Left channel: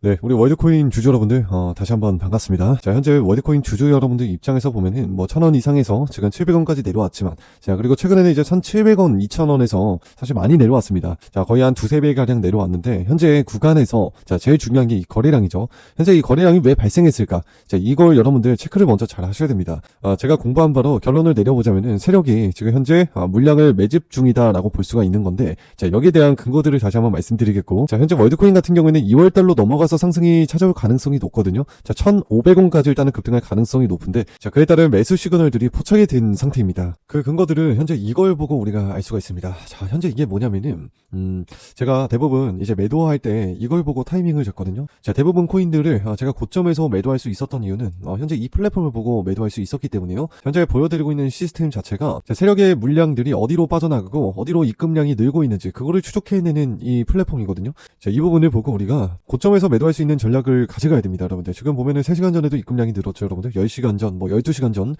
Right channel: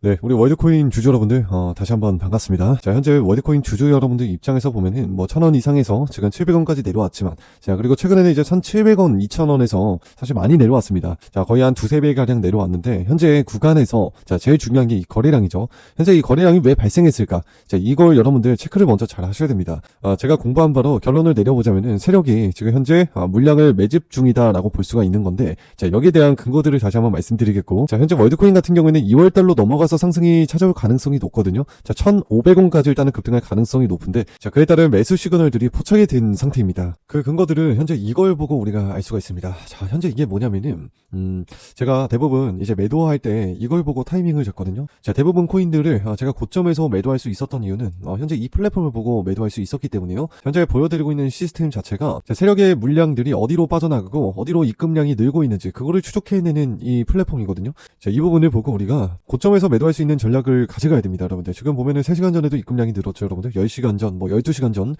네, 우리 월드코인 주주 여러분들, 어, 다시 한번 반갑습니다. 자, 현재 월드코인 주주 여러분들 입장에서 보면은, 뭐, 천 원 이상에서 지금 700원까지 내려왔지만, 자, 그리고 최근에는 이제 1,700원, 2,000원에서 사실 많이 내려왔습니다. 자, 거의 한 두세 배 가량 내려왔는데, 현재 구간에서, 자, 제일 중요한 게 이 거래량이죠. 현재 이 거래량이 왜 발생했을까? 자, 이걸 여러분들 체크를 먼저 잘 하셔야 됩니다. 어, 제가 공부한 바로 결론을 내려보자면은, 세력이 지금 현재 어, 물량을 매집 중이다라고 볼 수가 있는 건데, 자, 여기에 대한 근거들을 다시 한번 말씀드리겠고, 자, 현재 월드코인 같은 경우에는 2월 달로 넘어가 서 상승이 찾아올 가능성이 높거든요. 자, 1,500원까지 일단은 급등할 가능성이 높은데, 자, 그에 따른 매수 시그널들이 포착이 된 상태입니다. 그 근거들을 현재 이걸 보고 우리가 알 수가 있습니다. 자, 현재 이게 뭐냐면은, 음, 제가 대부분 이제 매도할 때 이걸 보고 타이밍을 잡거든요. 자, 대부분 코인들을 어, 제가 고점에서 매도할 수 있었던 이유는 어, 현재 이 플랫폼을 보고 매도할 수 있었기 때문이에요. 현재 보여드리고 있는 시스템 자체가 자, 세력의 물량들이 어디로 빠져나가고 어디로 입금량이 늘고 있는지 그거를 추적해내는 이 플랫폼이거든요. 자, 이 부분을 보고 우리가 고점에서 매도할 수 있는 전략을 가져가야 됩니다, 여러분들. 지금 보면은 3시간 전에도 입금량이 늘었죠, 여러분들. 10시간 전, 뭐 12시간 전,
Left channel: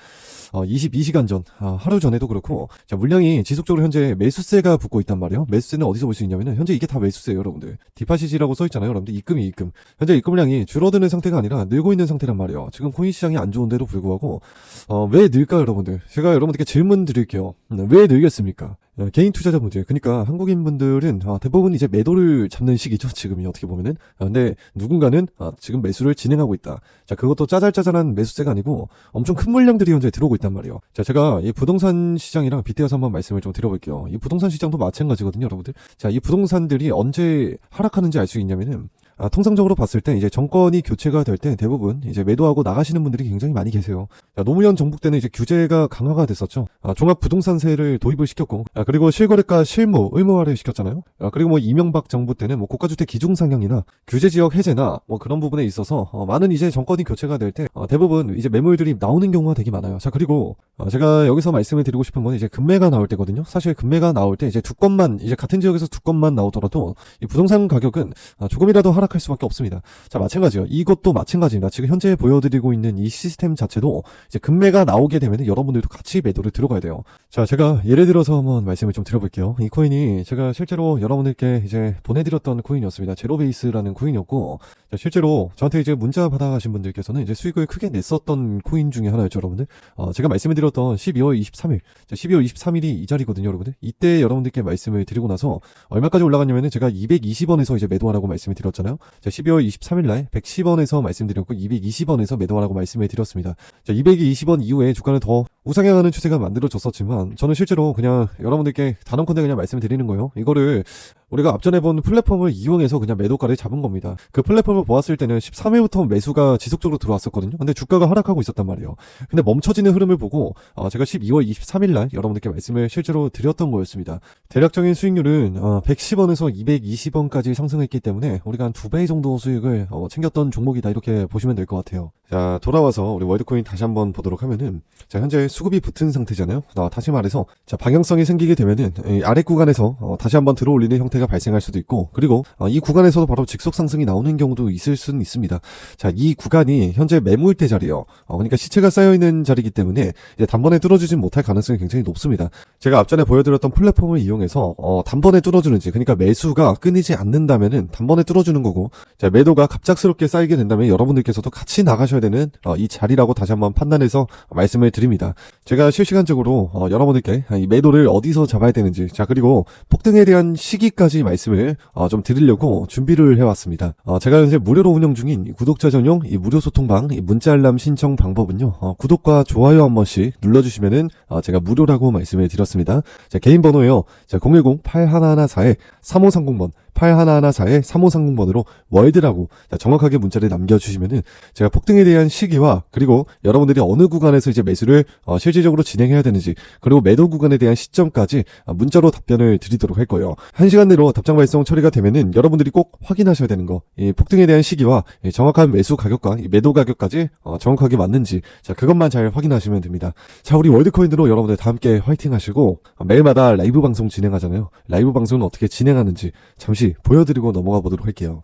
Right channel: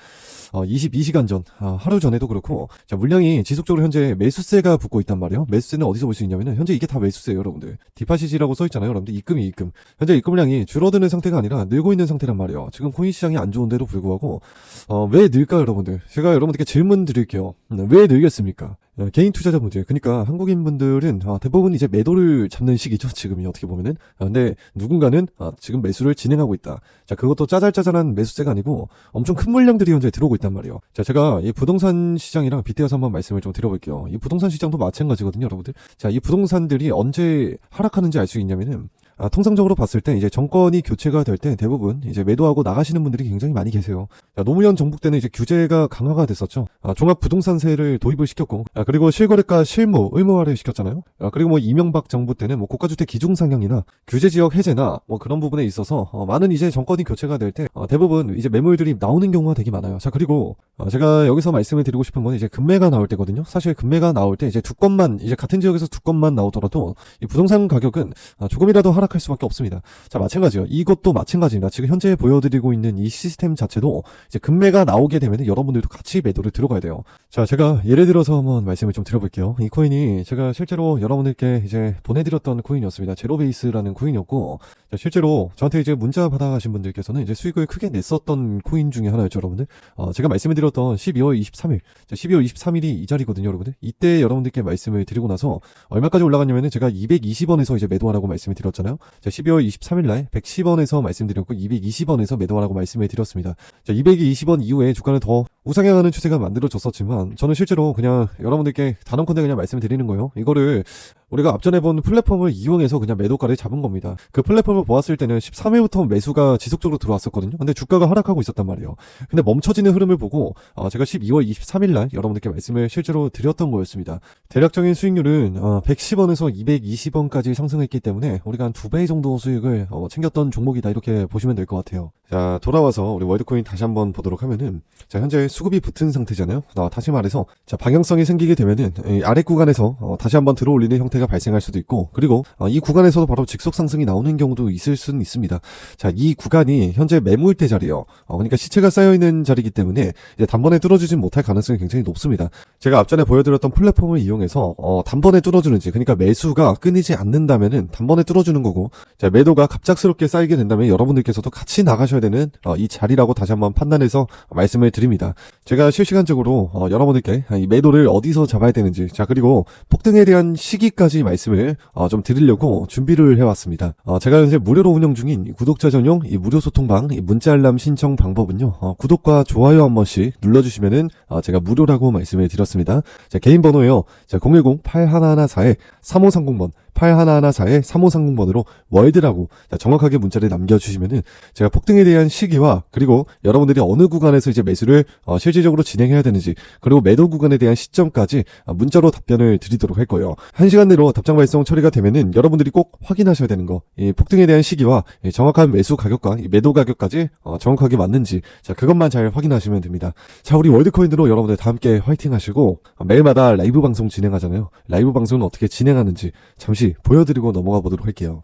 어, 22시간 전, 어, 하루 전에도 그렇고, 자, 물량이 지속적으로 현재 매수세가 붙고 있단 말이에요. 매수세는 어디서 볼 수 있냐면은, 현재 이게 다 매수세예요, 여러분들. 디파시지라고 써 있잖아요, 여러분들. 입금이 입금. 현재 입금량이 줄어드는 상태가 아니라 늘고 있는 상태란 말이에요. 지금 코인 시장이 안 좋은데도 불구하고, 어, 왜 늘까요, 여러분들? 제가 여러분들께 질문 드릴게요. 음, 왜 늘겠습니까? 어, 개인 투자자 문제. 그러니까 한국인 분들은 어, 대부분 이제 매도를 잡는 시기죠. 지금이 어떻게 보면은. 어, 근데 누군가는 어, 지금 매수를 진행하고 있다. 자, 그것도 짜잘짜잘한 매수세가 아니고 엄청 큰 물량들이 현재 들어오고 있단 말이에요. 자, 제가 이 부동산 시장이랑 빗대어서 한번 말씀을 좀 드려볼게요. 이 부동산 시장도 마찬가지거든요, 여러분들. 자, 이 부동산들이 언제 하락하는지 알 수 있냐면은 아, 통상적으로 봤을 때 이제 정권이 교체가 될 때 대부분 이제 매도하고 나가시는 분들이 굉장히 많이 계세요. 자, 노무현 정부 때는 이제 규제가 강화가 됐었죠. 아, 종합 부동산세를 도입을 시켰고, 아, 그리고 실거래가 실무 의무화를 시켰잖아요. 아, 그리고 뭐 이명박 정부 때는 뭐 고가주택 기준 상향이나 규제 지역 해제나 뭐 그런 부분에 있어서 어, 많은 이제 정권이 교체가 될때 대부분 이제 매물들이 나오는 경우가 되게 많아요. 자, 그리고 어, 제가 여기서 말씀을 드리고 싶은 건 이제 금매가 나올 때거든요. 사실 금매가 나올 때 이제 두 건만 이제 같은 지역에서 두 건만 나오더라도 이 부동산 가격은 아, 조금이라도 하락 할 수밖에 없습니다. 자, 마찬가지요. 이것도 마찬가지입니다. 지금 현재 보여드리고 있는 이 시스템 자체도 이제 금매가 나오게 되면 여러분들도 같이 매도를 들어가야 돼요. 자, 제가 예를 들어서 한번 말씀을 좀 드려볼게요. 이 코인이 제가 실제로 여러분들께 이제 보내드렸던 코인이었습니다. 제로베이스라는 코인이었고, 자, 실제로 저한테 이제 문자 받아가신 분들께서는 이제 수익을 크게 냈었던 코인 중에 하나였죠, 여러분들. 어, 제가 말씀을 드렸던 12월 23일, 자, 12월 23일이 이 자리거든요, 여러분들. 이때 여러분들께 말씀을 드리고 나서 얼마까지 올라갔냐면은 제가 220원에서 이제 매도하라고 말씀을 드렸잖아요. 자, 12월 23일 날 110원에서 말씀드렸고 220원에서 매도하라고 말씀을 드렸습니다. 자, 220원 이후에 주가는 더 우상향하는 추세가 만들어졌었지만 저는 실제로 그냥 여러분들께 단언컨대 그냥 말씀을 드리는 거예요. 이거를 우리가 앞전에 본 플랫폼을 이용해서 그냥 매도가를 잡은 겁니다. 그 플랫폼을 보았을 때는 13회부터 매수가 지속적으로 들어왔었거든요. 근데 주가가 하락하고 있었단 말이에요. 근데 멈춰지는 흐름을 보고 어, 제가 12월 23일 날 여러분들께 말씀을 실제로 드렸던 거였습니다. 대략적인 수익률은 어, 110원에서 220원까지 상승했기 때문에 우리가 한 두 배 정도 수익을 어, 챙겼던 종목이다 이렇게 보시면 될 것 같아요. 자 돌아와서 우리 월드코인 다시 한번 보도록 하면은 자 현재 수급이 붙은 상태잖아요. 어, 다시 말해서 자 방향성이 생기게 되면은 이 아래 구간에서 어, 다시 한번 들어올리는 형태 가 발생할 수도 있고 그리고 어, 이 구간에서도 바로 직속 상승이 나오는 경우도 있을 수는 있습니다. 자 이 구간이 현재 매물대 자리예요. 어, 그러니까 시체가 쌓여 있는 자리이기 때문에 이제 단번에 뚫어지진 못할 가능성이 굉장히 높습니다. 제가 앞전에 보여드렸던 플랫폼을 이용해서 어, 단번에 뚫어주는지 그러니까 매수가 끊이지 않는다면은 단번에 뚫어주는 거고 자 매도가 갑작스럽게 쌓이게 된다면 여러분들께서도 같이 나가셔야 되는 어, 이 자리라고 다시 한번 판단해서 말씀을 드립니다. 제가 실시간적으로 어, 여러분들께 이 매도를 어디서 잡아야 되는지 자 그리고 폭등에 대한 시기까지 말씀을 어, 좀 드리려고 준비를 해왔습니다. 어, 제가 현재 무료로 운영 중인 이 구독자 전용 이 무료 소통방 이 문자 알람 신청 방법은요 어, 구독과 좋아요 한 번씩 눌러주시면은 어, 제가 무료라고 말씀을 드렸습니다. 자 개인 번호요 자 010-8114-3530번 8114의 3530번으로 월드라고 정확하게 문자를 남겨주시면은 제가 폭등에 대한 시기와 그리고 여러분들이 어느 구간에서 이제 매수를 어, 실질적으로 진행해야 되는지 그리고 매도 구간에 대한 시점까지 어, 문자로 답변을 드리도록 할 거예요. 한 시간 내로 답장 발송 처리가 되면은 여러분들이 꼭 확인하셔야 되는 거, 이 폭등에 대한 시기와 이 정확한 매수 가격과 이 매도 가격까지 어, 정확하게 맞는지 자 그것만 잘 확인하시면 됩니다. 자 우리 월드코인으로 여러분들 다 함께 화이팅 하시고 어, 매일마다 라이브 방송 진행하잖아요. 라이브 방송은 어떻게 진행하는지 잠시 보여드리고 넘어가 보도록 할게요.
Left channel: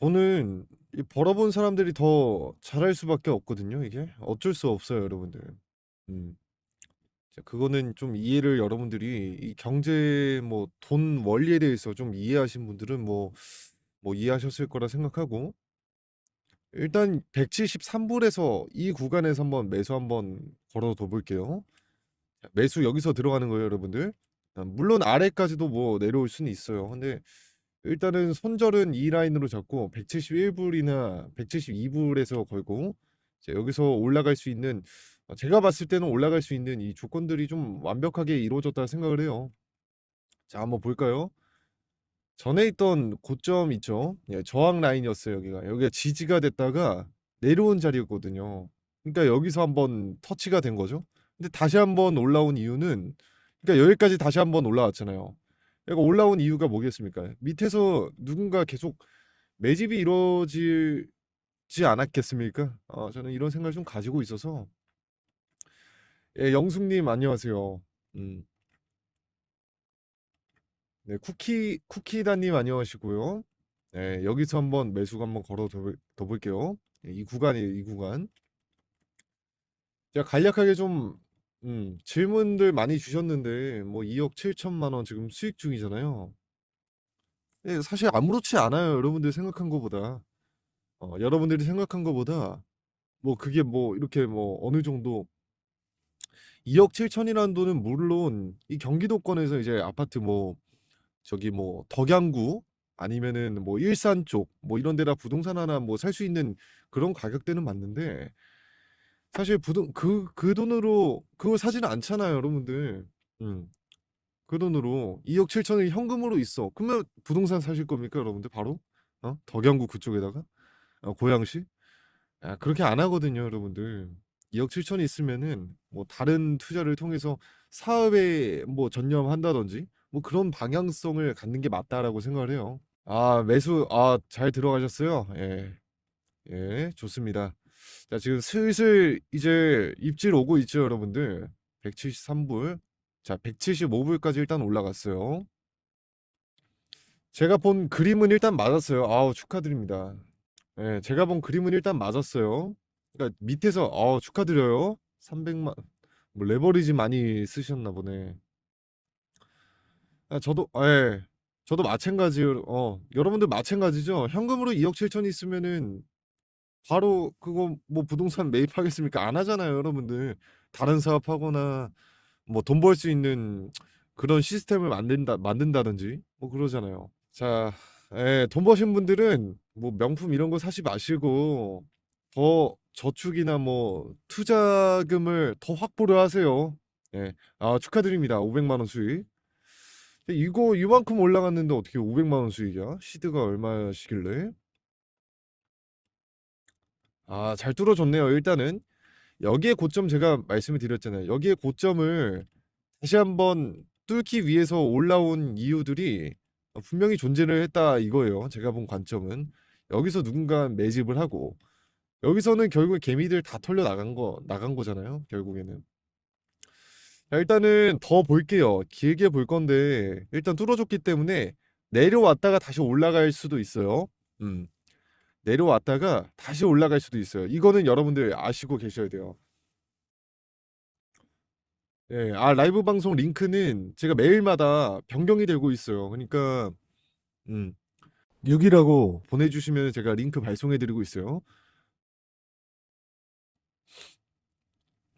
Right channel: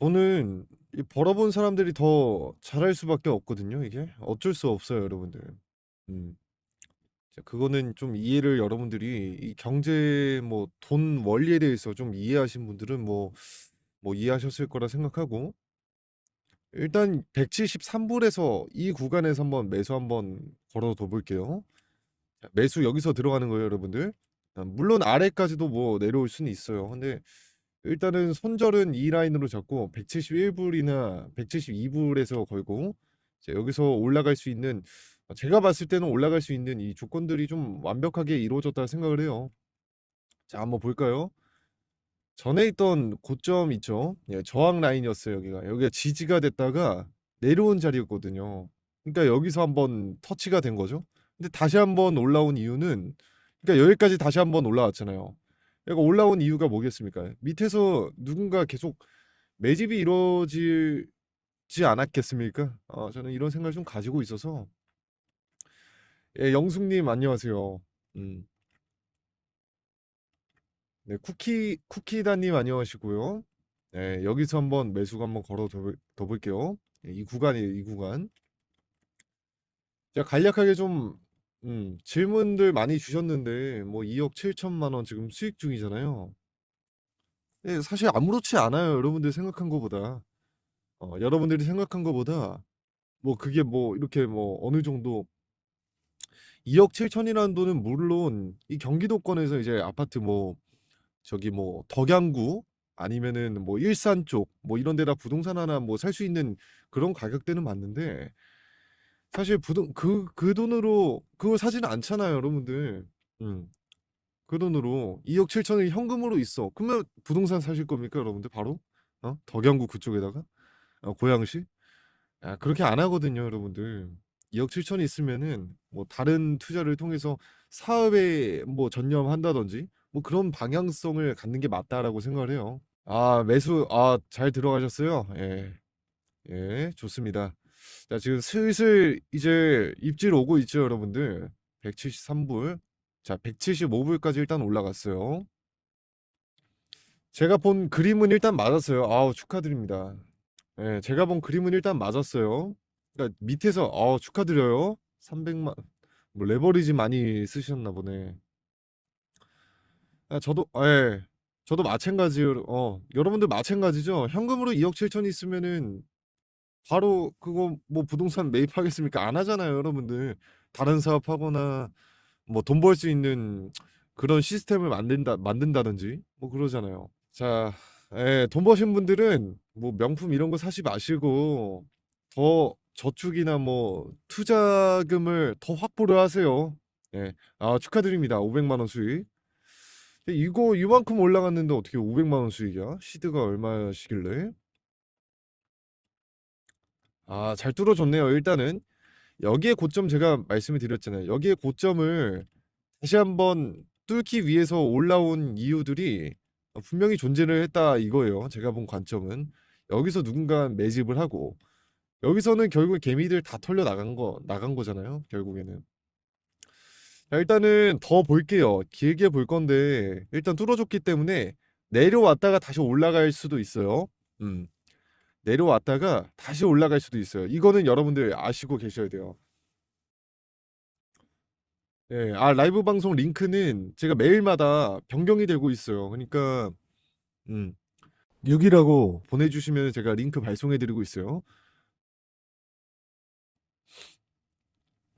저는 이 벌어본 사람들이 더 잘할 수밖에 없거든요, 이게. 어쩔 수 없어요, 여러분들. 음. 자, 그거는 좀 이해를 여러분들이 이 경제 뭐 돈 원리에 대해서 좀 이해하신 분들은 뭐 뭐 이해하셨을 거라 생각하고 일단 173불에서 이 구간에서 한번 매수 한번 걸어둬 볼게요. 자, 매수 여기서 들어가는 거예요, 여러분들. 아, 물론 아래까지도 뭐 내려올 수는 있어요. 근데 일단은 손절은 이 라인으로 잡고 171불이나 172불에서 걸고 자, 여기서 올라갈 수 있는 어, 제가 봤을 때는 올라갈 수 있는 이 조건들이 좀 완벽하게 이루어졌다 생각을 해요. 자, 한번 볼까요? 전에 있던 고점 있죠? 예, 저항 라인이었어요, 여기가. 여기가 지지가 됐다가 내려온 자리였거든요. 그러니까 여기서 한번 터치가 된 거죠. 근데 다시 한번 올라온 이유는 그러니까 여기까지 다시 한번 올라왔잖아요. 여기 올라온 이유가 뭐겠습니까? 밑에서 누군가 계속 매집이 이루어지지 않았겠습니까? 어, 저는 이런 생각을 좀 가지고 있어서 예, 영숙님 안녕하세요. 음. 네, 쿠키 쿠키다님 안녕하시고요. 네, 여기서 한번 매수가 한번 걸어 둬, 둬 볼게요. 예, 이 구간이에요, 이 구간. 제가 간략하게 좀 음, 질문들 많이 주셨는데 뭐 2억 7천만 원 지금 수익 중이잖아요. 네, 사실 아무렇지 않아요, 여러분들이 생각한 것보다. 어, 여러분들이 생각한 것보다 뭐 그게 뭐 이렇게 뭐 어느 정도 2억 7천이라는 돈은 물론 이 경기도권에서 이제 아파트 뭐 저기 뭐 덕양구 아니면은 뭐 일산 쪽 뭐 이런 데다 부동산 하나 뭐 살 수 있는 그런 가격대는 맞는데 사실 부동 그그 돈으로 그거 사지는 않잖아요, 여러분들. 음. 그 돈으로 2억 7천이 현금으로 있어. 그러면 부동산 사실 겁니까, 여러분들? 바로? 어? 덕양구 그쪽에다가? 어, 고양시? 아, 그렇게 안 하거든요, 여러분들. 2억 7천이 있으면은 뭐 다른 투자를 통해서 사업에 뭐 전념한다든지 뭐 그런 방향성을 갖는 게 맞다라고 생각을 해요. 아, 매수, 아, 잘 들어가셨어요? 예. 예, 좋습니다. 자, 지금 슬슬 이제 입질 오고 있죠, 여러분들. 173불. 자, 175불까지 일단 올라갔어요. 제가 본 그림은 일단 맞았어요. 아우, 축하드립니다. 예, 제가 본 그림은 일단 맞았어요. 그러니까 밑에서, 아, 축하드려요. 300만, 뭐 레버리지 많이 쓰셨나 보네. 아, 저도, 아, 예. 저도 마찬가지로, 어, 여러분들 마찬가지죠? 현금으로 2억 7천 있으면은 바로 그거 뭐 부동산 매입하겠습니까? 안 하잖아요, 여러분들. 다른 사업하거나 뭐 돈 벌 수 있는 그런 시스템을 만든다, 만든다든지 뭐 그러잖아요. 자, 예, 돈 버신 분들은 뭐 명품 이런 거 사지 마시고 더 저축이나 뭐 투자금을 더 확보를 하세요. 예, 아, 축하드립니다. 500만 원 수익. 이거 이만큼 올라갔는데 어떻게 500만 원 수익이야? 시드가 얼마시길래? 아, 잘 뚫어줬네요. 일단은 여기에 고점 제가 말씀을 드렸잖아요. 여기에 고점을 다시 한번 뚫기 위해서 올라온 이유들이 분명히 존재를 했다 이거예요. 제가 본 관점은 여기서 누군가 매집을 하고 여기서는 결국 개미들 다 털려 나간 거 나간 거잖아요. 결국에는. 자, 일단은 더 볼게요. 길게 볼 건데 일단 뚫어줬기 때문에 내려왔다가 다시 올라갈 수도 있어요. 음. 내려왔다가 다시 올라갈 수도 있어요. 이거는 여러분들 아시고 계셔야 돼요. 예, 아, 라이브 방송 링크는 제가 매일마다 변경이 되고 있어요. 그러니까, 음, 6이라고 보내주시면 제가 링크 발송해드리고 있어요.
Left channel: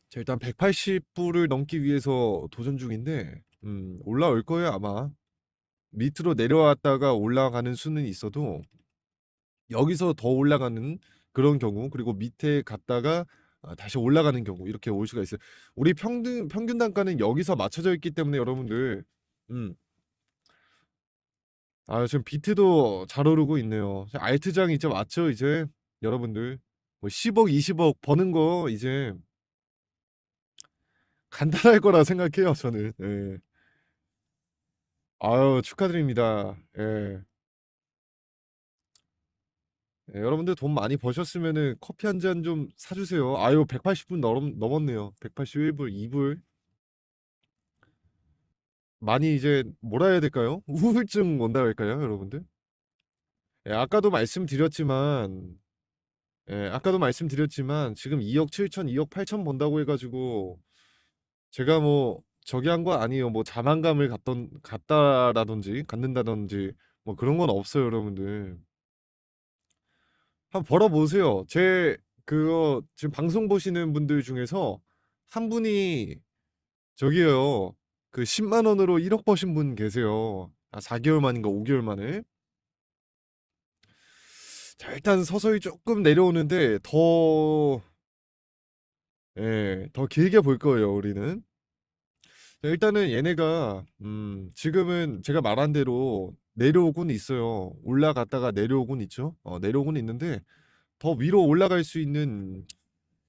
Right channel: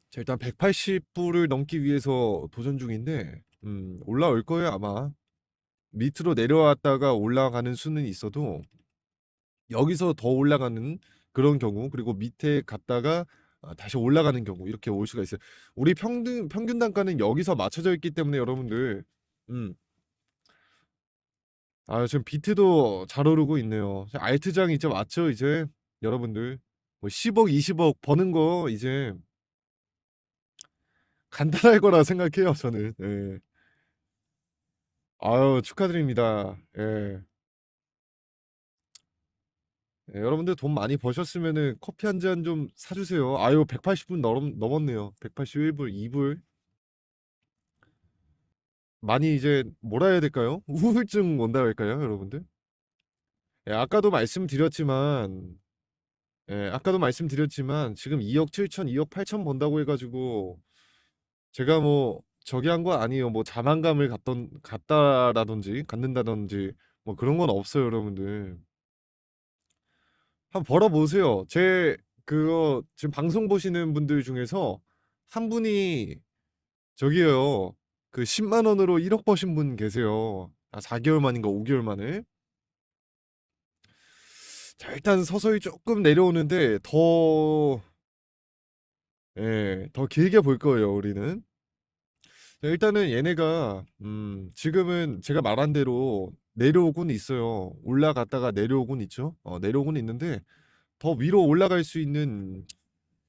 자, 일단 180불을 넘기 위해서 도전 중인데, 음, 올라올 거예요, 아마. 밑으로 내려왔다가 올라가는 수는 있어도, 여기서 더 올라가는 그런 경우 그리고 밑에 갔다가 아, 다시 올라가는 경우 이렇게 올 수가 있어요. 우리 평균 평균 단가는 여기서 맞춰져 있기 때문에 여러분들 음. 아, 지금 비트도 잘 오르고 있네요. 알트장 이제 맞죠, 이제 여러분들 뭐 10억, 20억 버는 거 이제 간단할 거라 생각해요, 저는. 예. 아유, 축하드립니다. 예. 예, 여러분들 돈 많이 버셨으면은 커피 한 잔 좀 사주세요. 아유, 180불 넘, 넘었네요. 181불, 2불. 많이 이제 뭐라 해야 될까요? 우울증 온다 할까요, 여러분들? 예, 아까도 말씀드렸지만, 예, 아까도 말씀드렸지만, 지금 2억 7천, 2억 8천 번다고 해가지고, 제가 뭐, 저기 한 건 아니에요. 뭐, 자만감을 갖던, 갖다라든지, 갖는다든지, 뭐 그런 건 없어요, 여러분들. 한번 벌어보세요. 제, 그, 지금 방송 보시는 분들 중에서 한 분이, 저기요, 그 10만 원으로 1억 버신 분 계세요. 아, 4개월 만인가 5개월 만에. 자, 일단 서서히 조금 내려오는데, 더, 예, 더 길게 볼 거예요, 우리는. 네, 일단은 얘네가, 음, 지금은 제가 말한 대로 내려오곤 있어요. 올라갔다가 내려오곤 있죠. 어, 내려오곤 있는데, 더 위로 올라갈 수 있는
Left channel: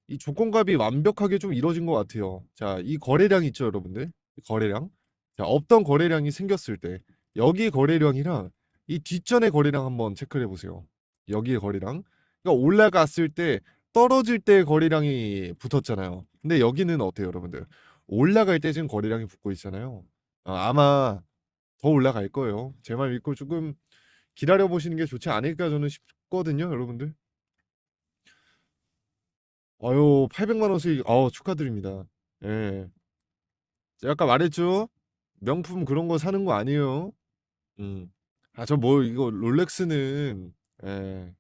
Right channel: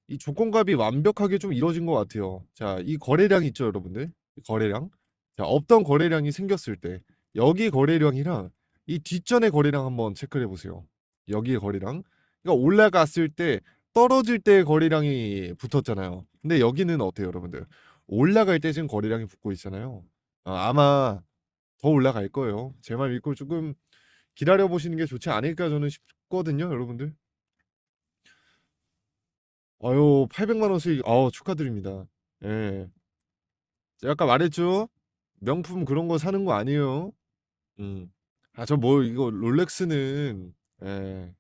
이 조건값이 완벽하게 좀 이루어진 것 같아요. 자, 이 거래량 있죠, 여러분들? 이 거래량. 자, 없던 거래량이 생겼을 때, 여기 거래량이랑 이 뒷전의 거래량 한번 체크해 보세요. 여기의 거래량. 그러니까 올라갔을 때, 떨어질 때 거래량이 붙었잖아요. 근데 여기는 어때요, 여러분들? 올라갈 때 지금 거래량이 붙고 있잖아요. 아, 아마 더 올라갈 거예요. 제 말 믿고 조금 기다려 보시는 게 좋지 않을까 저는 싶거든요, 여러분들. 아유, 800만 원 수익, 어 축하드립니다. 예. 제가 아까 말했죠? 명품 그런 거 사는 거 아니에요. 음. 아, 저 뭐, 이거 롤렉스는, 예.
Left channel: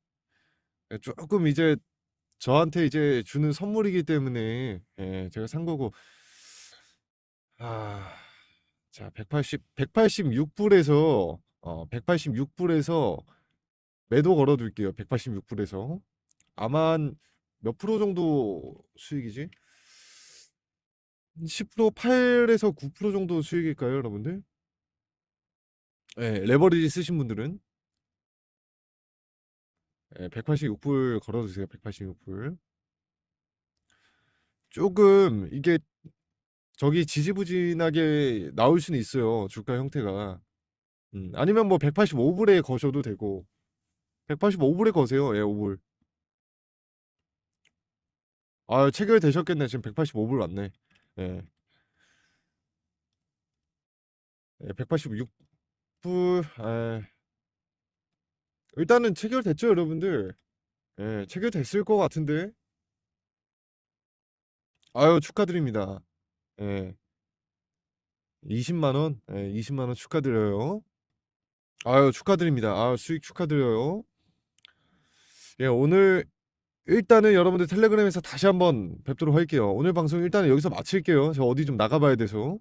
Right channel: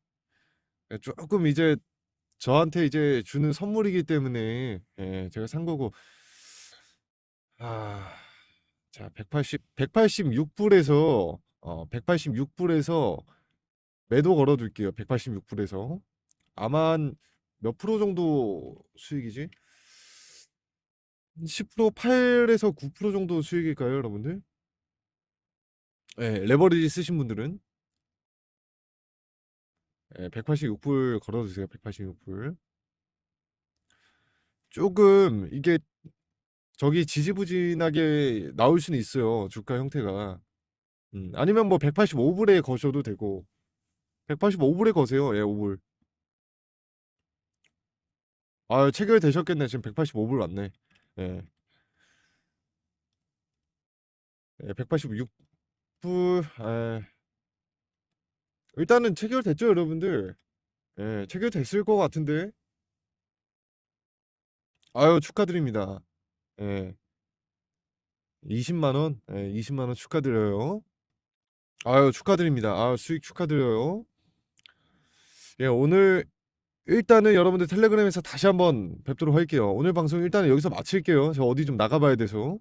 예, 조금 이제 저한테 이제 주는 선물이기 때문에, 예, 제가 산 거고, 아, 자, 180, 186불에서, 어, 186불에서 매도 걸어둘게요. 186불에서. 아마 한몇 프로 정도 수익이지? 10% 8에서 9% 정도 수익일까요, 여러분들? 예, 레버리지 쓰신 분들은 예, 186불 걸어주세요. 186불. 조금 이게 저기 지지부진하게 나올 수는 있어요. 주가 형태가. 음, 아니면 뭐 185불에 거셔도 되고 185불에 거세요. 예, 5불. 아, 체결되셨겠네. 지금 185불 왔네. 예. 예, 186불. 아, 일단은 체결됐죠, 여러분들? 예, 체결됐을 것 같은데. 아유, 축하드립니다. 예. 20만 원? 예, 20만 원 축하드려요. 아유, 축하드립니다. 아, 수익 축하드려요. 예, 오늘 일단은 여러분들 텔레그램에서 다시 한번 뵙도록 할게요. 오늘 방송 일단은 여기서 마칠게요. 저 어디 좀 나가봐야 돼서.